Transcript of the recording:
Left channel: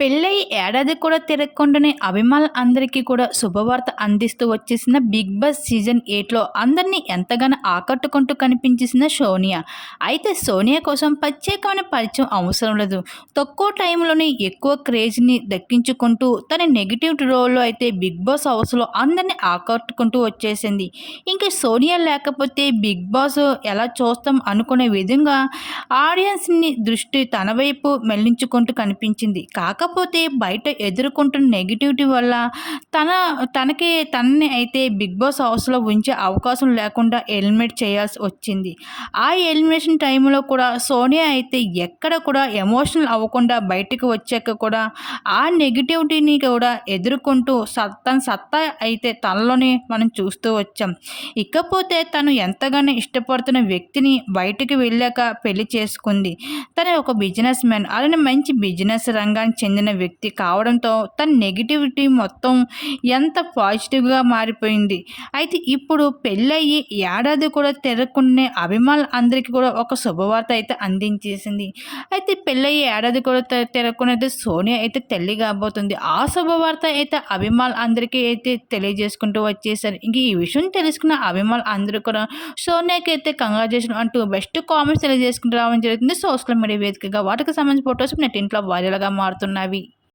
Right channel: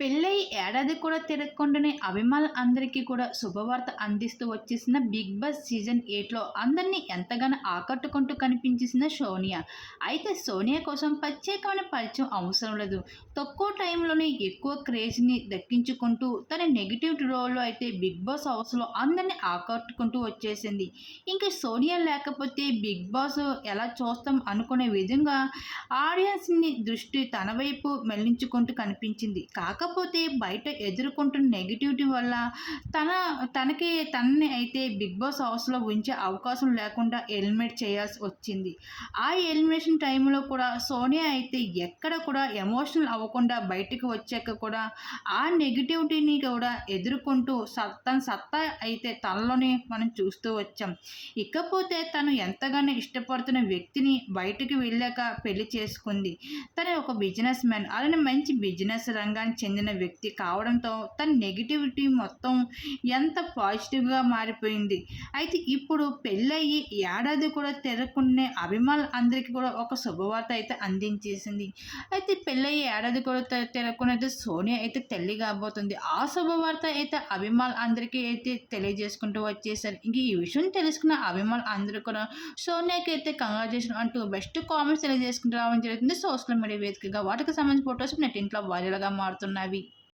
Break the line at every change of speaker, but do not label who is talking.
పెళ్ళై ఏడాది కూడా తిరగకుండానే అభిమానులు అందరికీ కూడా శుభవార్త అందిస్తూ వచ్చేసిన బిగ్ బాస్ సీజన్ ఎయిట్లో అందరినీ ఎంతగానో ఆకట్టుకుంటూ కనిపించేసిన సోనియా. అయితే సోనియా కోసం ప్రత్యేకమైన పరిచయం అవసరం లేదు. తక్కువ టైంలోనే ఎక్కువ క్రేజ్ని దక్కించుకుంటూ తన నెగిటివ్ రోల్లో అయితే బిగ్ బాస్ హౌస్లో అందరినీ ఆకట్టుకుంటూ వచ్చేసింది. ఇంకా సోనియా లేకపోతే బిగ్ బాస్ ఎలా చూస్తాం అనుకునే విధంగా ఆడియన్స్ని దృష్టి తన వైపు మళ్ళించుకుంటూ కనిపించింది. కాకపోతే బయట ఎదుర్కొంటున్న నెగిటివిటీ వల్ల తన తనకి తనని అయితే బిగ్ బాస్ హౌస్లో ఉంచే అవకాశం లేకుండా ఎలిమినేట్ చేయాల్సి వచ్చింది. ఆ ఎలిమినేషన్ టైంలో కూడా సోనియా అయితే ఎక్కడ కూడా ఎమోషనల్ అవ్వకుండా బయటకు వచ్చాక కూడా ఆ నెగిటివిటీని కూడా ఎదుర్కొంటూ సత్ తన సత్తా అయితే తనలోనే మనం చూస్తూ వచ్చాం. ఇకపోతే తను ఎంతగానో ఇష్టపడుతున్న వ్యక్తిని బయటకు వెళ్ళాక పెళ్ళి చేసుకుంది. తను ఒక బిజినెస్ మ్యాన్. అలానే మంచి బిజినెస్ రంగానికి చెందిన వ్యక్తి కావడంతో తన నెగిటివిటీ మొత్తం ఎంత పాజిటివ్గా మారిపోయింది. అయితే ఇప్పుడు పెళ్ళయ్యి ఏడాది కూడా తిరగకునే అభిమానులు అందరికీ కూడా ఒక శుభవార్త అయితే అందించేసింది. అయితే పెళ్ళయ్యి ఏడాది కూడా తిరగకునేది సోనియా అయితే తల్లి కాబోతుంది. ఆ శుభవార్త అయితే అభిమానులు అందరికీ అయితే తెలియజేసుకుంటూ వచ్చేసారు. ఇంక ఈ విషయం తెలుసుకున్న అభిమానులు అందరూ కూడా సోనియాకి అయితే కంగ్రాచులేషన్ అంటూ బెస్ట్ కామెంట్స్ తెలియజేసుకుంటూ రావడం జరుగుతుంది. సోషల్ మీడియా వేదికగా వాటికి సంబంధించిన ఫొటోస్ నెట్ ఇంట్లో వైరల్గా மனைவி